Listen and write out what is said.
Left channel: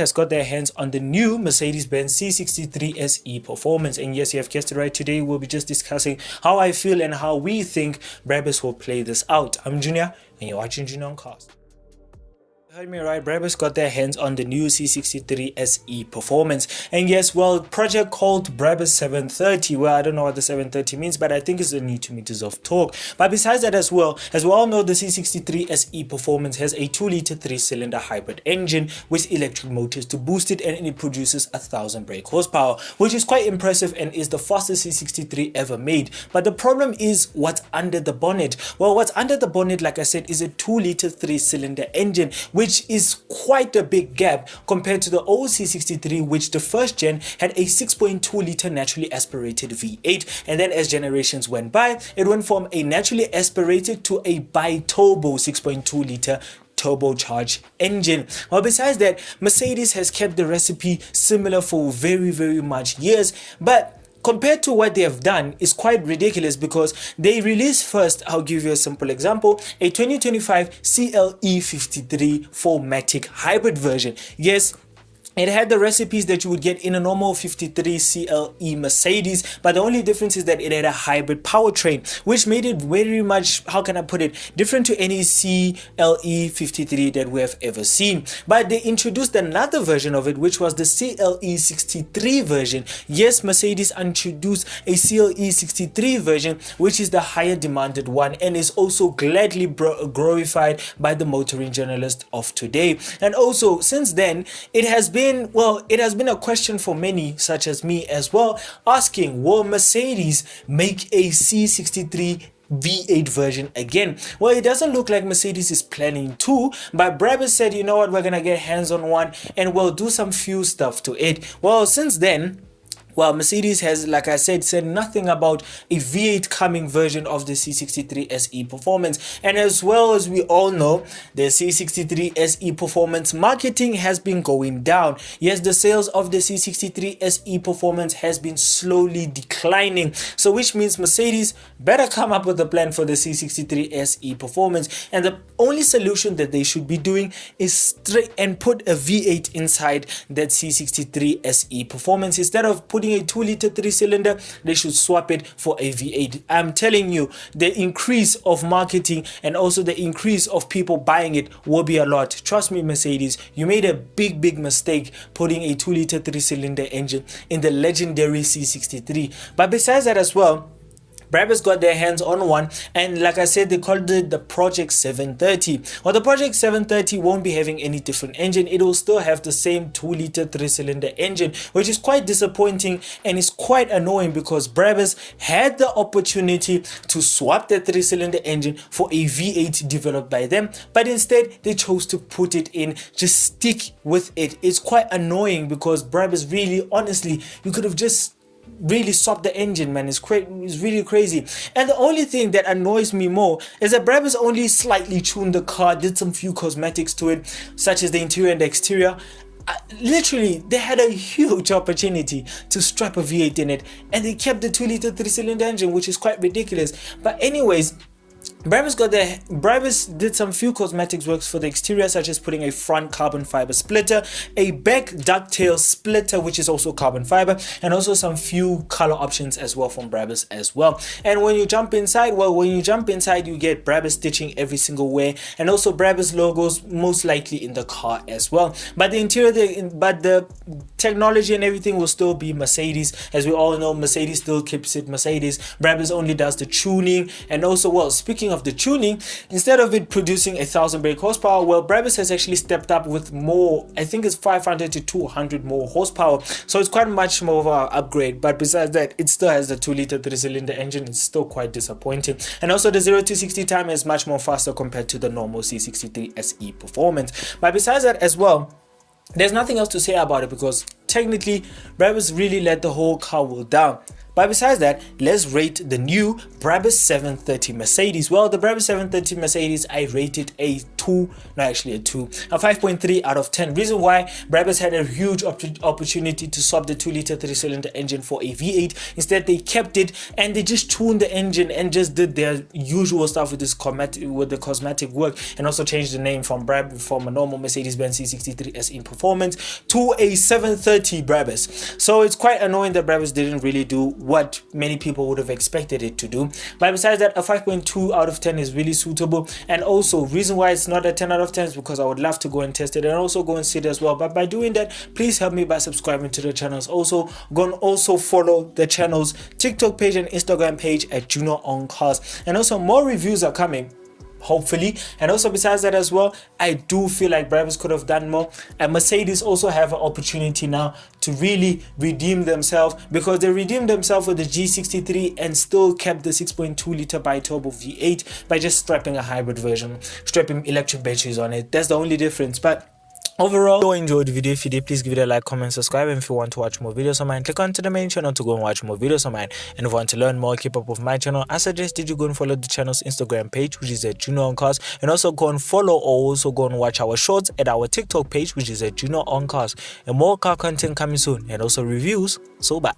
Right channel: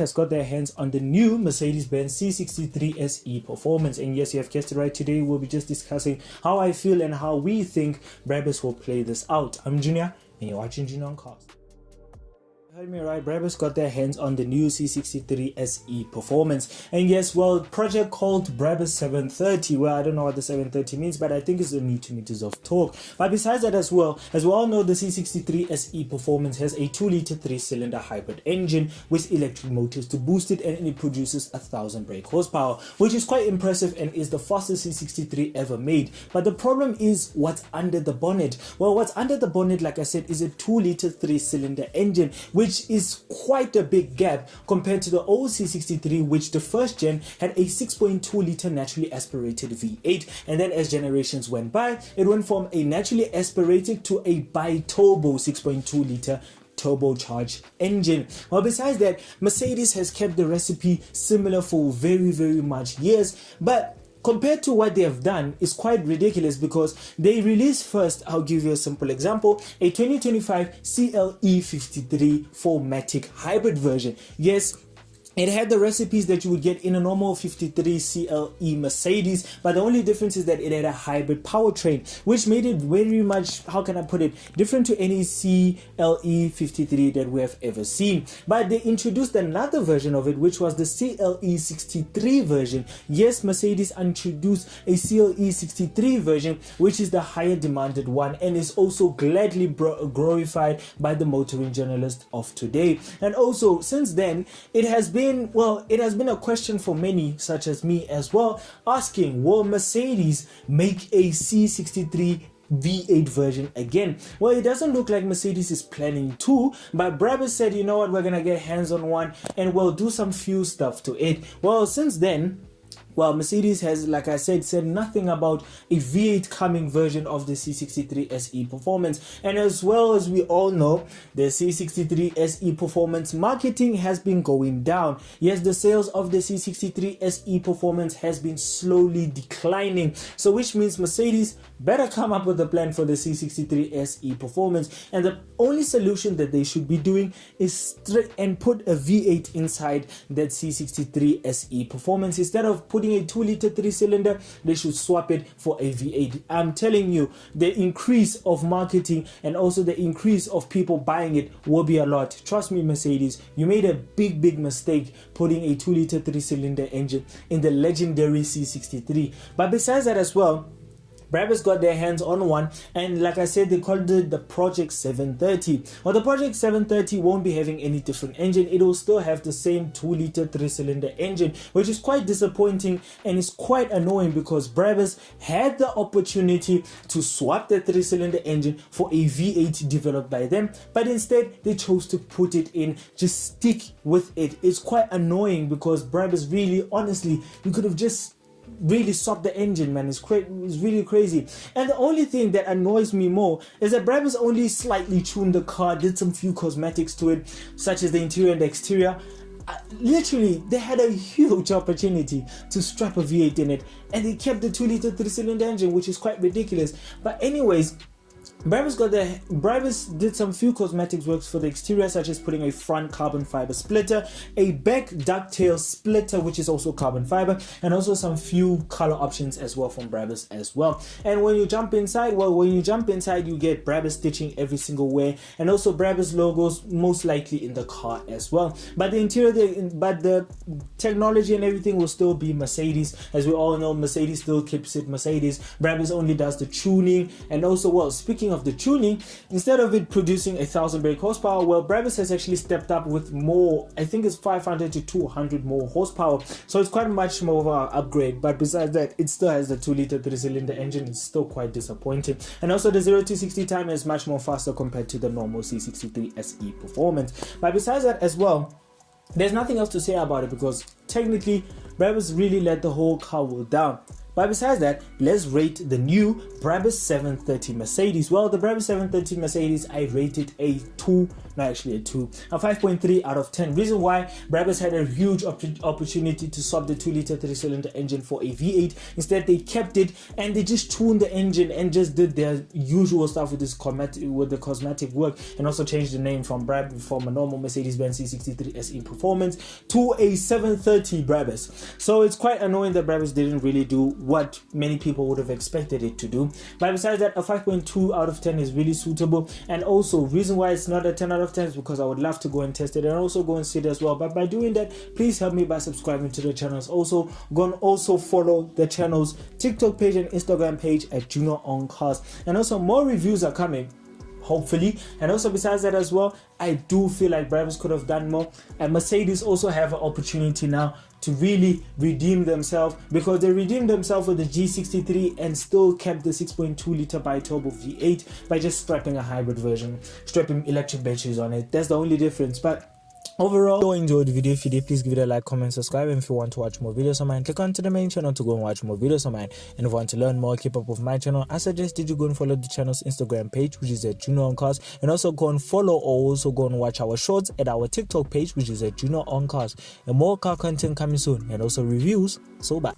has got their hands on the new Mercedes-Benz C63 S E Performance. And yes, you have guessed it right. Today we'll be just discussing how I feel and how we think brabus will play this out. I'm Junior and you're watching Junior on Cars. Heard me right, brabus got their hands on the new C63 S E Performance, and yes, well, project called brabus 730. Well, I don't know what the 730 means, but I think it's the Newton meters of torque. But besides that as well, as we all know, the C63 SE Performance has a 2-liter 3-cylinder hybrid engine with electric motors to boost it, and it produces 1,000 brake horsepower, which is quite impressive and is the fastest C63 ever made. But the problem is what's under the bonnet. Well, what's under the bonnet, like I said, is a 2-liter 3-cylinder engine, which is quite a big gap compared to the old C63, which the first gen had a 6.2 liter naturally aspirated V8, and then as generations went by, it went from a naturally aspirated to a bi-turbo 6.2 liter turbocharged engine. Well, besides that, Mercedes has kept the recipe similar for very much years, but compared to what they have done is quite ridiculous, because they released first, I'll give you a simple example, a 2025 CLE53 4MATIC hybrid version. Yes, it had the recipes that you would get in a normal 53 CLE Mercedes, but the only difference is that it had a hybrid powertrain, which made it very much, how can I put it, different to any CLE 53 that we have ever seen. But they introduced another version of it, which was the CLE 63 version. Yes, Mercedes introduced a CLE 63 version, which is the higher demanded one, and is also gladly glorified by the motoring journalists of today. And also, since then, it has been a question for many, such as me as well, asking, will Mercedes make a C63 V8 version again? Well, it doesn't look like Mercedes is planning to, but brabus said, you know what, we're gonna get hands on one and we'll do some few stuff to it. Well, since then, well, Mercedes has, like I said nothing about a V8 coming version of the C63 SE Performance. And as well as we all know, the C63 SE Performance marketing has been going down. Yes, the sales of the C63 SE Performance has been slowly declining. So which means Mercedes better come up with a plan for the C63 SE Performance. And the only solution that they should be doing is straight and put a V8 inside that C63 SE Performance. Instead of putting a 2-liter 3-cylinder, they should swap it for a V8. I'm telling you, the increase of marketing and also the increase of people buying it will be a lot. Trust me, Mercedes, you made a big mistake putting a 2-liter 3-cylinder engine in the legendary C63. But besides that as well, brabus got their hands on one, and like I said, they called it the Project 730. Well, the Project 730 won't be having any different engine. It will still have the same 2-liter 3-cylinder engine, which is quite disappointing and is quite annoying, because brabus had the opportunity to swap the 3-cylinder engine for a V8 developed by them, but instead they chose to put it in, just stick with it. It's quite annoying, because brabus really, honestly, you could have just really stopped the engine, man. It's really crazy. And the only thing that annoys me more is that brabus only slightly tuned the car, did some few cosmetics to it, such as the interior and the exterior. Literally, they had a huge opportunity to strap a V8 in it, and they kept the 2-liter 3-cylinder engine, which is quite ridiculous. But anyways, brabus did some few cosmetics works for the exterior, such as putting a front carbon fiber splitter, a back ducktail splitter, which is also carbon fiber, and also some few color options as well from brabus as well. And when you jump inside, you get brabus stitching every single way, and also brabus logos most likely in the car as well. But the interior, the technology and everything will still be Mercedes. As we all know, Mercedes still keeps it Mercedes. Brabus only does the tuning, and also, well, speaking of the tuning, instead of it producing 1,000 brake horsepower, well, brabus has actually stepped up with more, I think it's 500 to 200 more horsepower, so it's quite much more of an upgrade. But besides that, it still has the 2-liter 3-cylinder engine. It's still quite disappointing. And also the 0 to 60 time is much more faster compared to the normal C63 SE Performance. But besides that as well, there's nothing else to say about it, because technically brabus really let the whole car down. But besides that, let's rate the new brabus 730 Mercedes. Well, the brabus 730 Mercedes, I rated a 5.3 out of 10. Reason why: brabus had a huge opportunity to swap the 2-liter 3-cylinder engine for a V8. Instead, they kept it and they just tuned the engine and just did their usual stuff with the cosmetic work, and also changed the name from a normal Mercedes-Benz C63 S E performance to a 730 brabus. So it's quite annoying that brabus didn't really do what many people would have expected it to do. But besides that, a 5.2 out of 10 is really suitable. And also, reason why it's not a 10 out of 10 is because I would love to go and test it and also go and see it as well. But by doing that, please help me by subscribing to the channels. Also, go and also follow the channel's TikTok page and Instagram page at Junior on Cars. And also, more reviews are coming, hopefully. And also, besides that as well, I do feel like brabus could have done more, and Mercedes also have an opportunity now to really redeem themselves, because they redeemed themselves with the G63 and still kept the 6.2 liter bi-turbo V8 by just strapping a hybrid version, strapping electric batteries on it. That's the only difference. But overall, if you enjoyed the video, if you did, please give it a like, comment, subscribe. And if you want to watch more videos of mine, click onto the main channel to go and watch more videos of mine. And if you want to learn more, keep up with my channel, I suggest that you go and follow the channel's Instagram page, which is at Junior on Cars, and also go and follow or also go and watch our shorts at our TikTok page, which is at Junior on Cars. And more car content coming soon, and also reviews. So bye.